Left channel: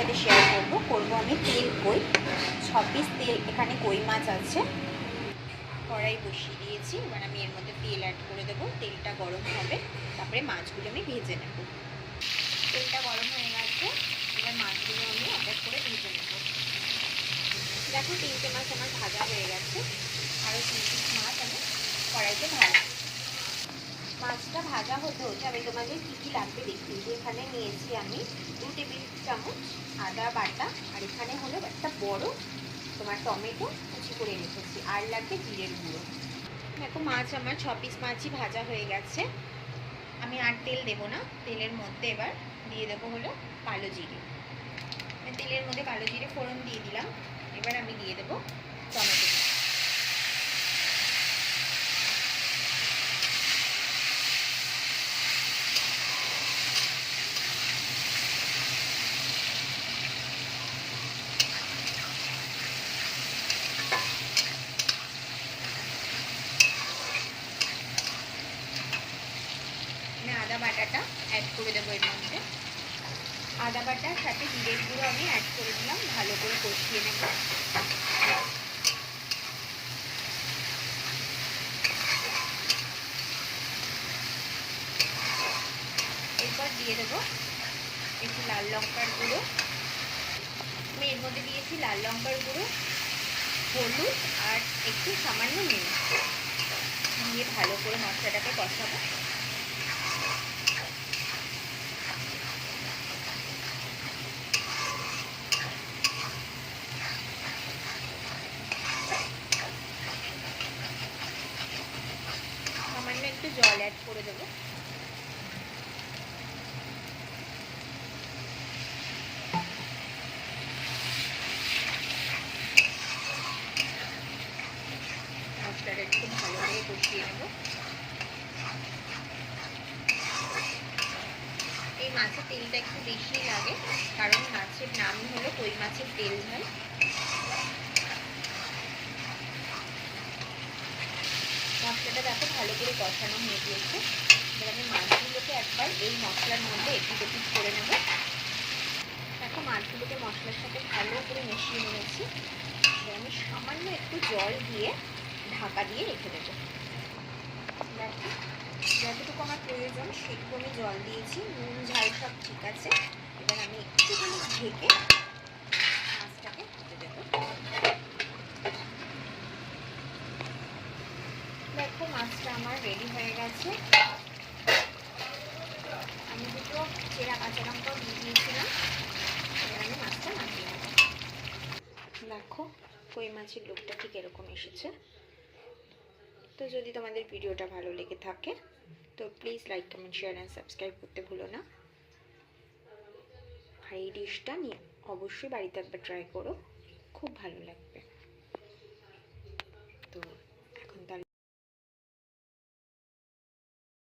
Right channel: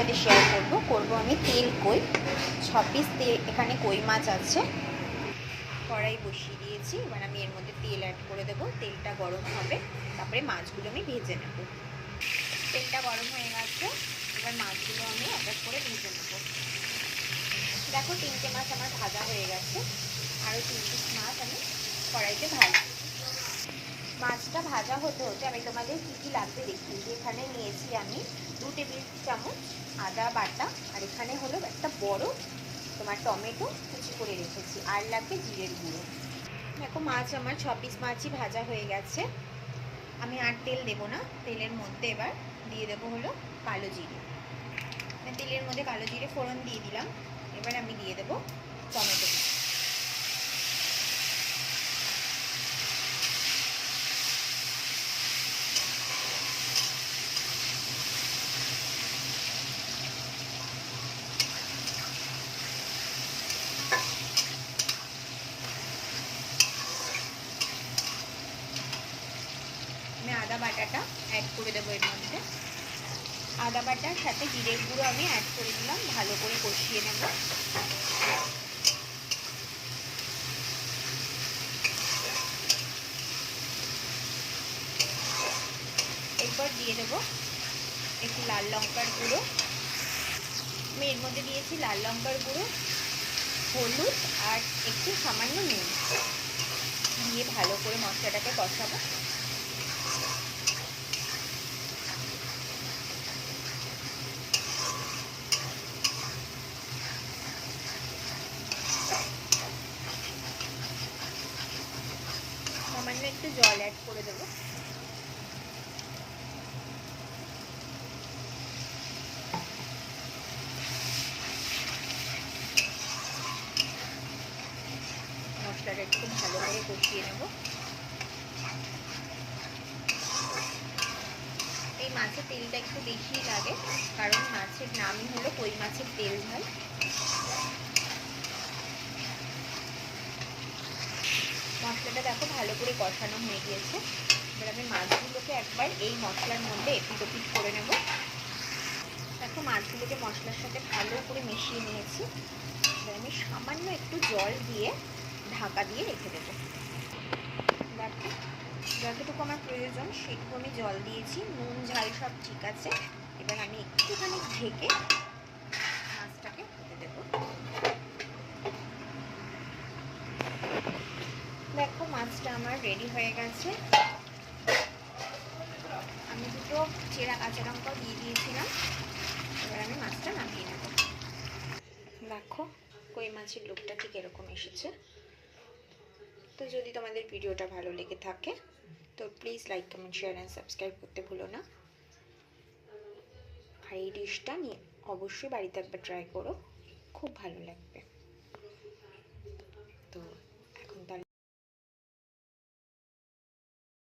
সাথে শেয়ার করব আমি তেল কই 6 পিস তেল এখানে কই মাছ আছে। কড়াই বসিয়ে দিয়েছি, এবার আমি এর মধ্যে তেল অ্যাড করে দেবো। তেলটা গরম হবে, তারপরে মাছগুলো আমি ভেজে নেব। তেলটা গরম হয়ে গেছে, এবার মাছগুলো আমি এক এক করে ভেজে নেব। দেখো 3টে মাছ আমার ভাজা হয়ে গেছে, আরও 3 পিস মাছ আমি কড়াইতে ভাজা। মাছটা ভাজা হতে হতে আমি তোমাদের কী কী লাগবে দেখিয়ে দিই। এখানে নিয়েছি আমি 2 টেবিল চামচ আদা বাটা, আর এখানে হলো একটা বড় তোমার টমেটো কুচি করে রেখেছি, আর লাগবে জিরের গুঁড়ো। দেখো মাছ আমার 6 পিস মাছই ভাজা হয়ে গেছে। আমি আর তেল দেবো না, তেলের মধ্যে এবার দিয়ে দেবো হলো কালো জিরে। তেলের মধ্যে কালো জিরে ফোড়ন দিয়ে দিলাম। এবার আমি দিয়ে দেবো টমেটো। আমি আদা বাটাটা অ্যাড করে দেবো এর মধ্যে। আদা বাটার সাথে জিরের গুঁড়ো আমি অ্যাড করে দিলাম, ভালো করে কষিয়ে নেব। এরপর দিয়ে দেবো একটু লাল লঙ্কার গুঁড়ো। আমি এর মধ্যে দিয়েছি লাল লঙ্কার গুঁড়ো, হলুদ আর একটু সামান্য নুন দিয়ে ভালো করে মশলাটাকে কষাবো। সামান্য একটু জল অ্যাড করে দেবো। মশলাটা একটু ভালো করে কষিয়ে নেব। এই মাছের তেলটা একটু বেশি লাগে, কারণ মাছের নামই হলো কই মাছের তেল ঝাল। মশলাটা দেখো ভালো করে কষানো হয়ে গিয়েছে। এবার আমি মাছগুলোকে একবার এই মশলার মধ্যে এপিট ওপিট করে নেব। দেখো মাছগুলোকে মশলার সাথে ভালো করে মিশিয়ে নিয়েছি। এবার আমি সামান্য একটু জল দিয়ে ঢাকা দিয়ে রেখে দেবো। দেখো যতটুকু আমার প্রয়োজন সেটুকু আমি জল দিয়েছি, নুন ঝাল সব ঠিক আছে। এবার আমি একটুখানি ঢেকে মাছটাকে হতে দেবো। দেখো মাছটা আমার রেডি হয়ে গেছে। আমি দুটো চেরা কাঁচা লঙ্কাও দিয়ে দিয়েছিলাম। এবার আমি মাছটা নামিয়ে নেব। দেখো কই মাছের লুকটা ঠিক এরকম এসেছে। তো যদি তোমাদের ভিডিওটা ভালো লেগে থাকে তো please like comment share and subscribe করতে ভুলো না। আর এই ডিশটা নিয়ে অবশ্যই বাড়িতে একবার ট্রাই করো, খুব ভালো লাগবে।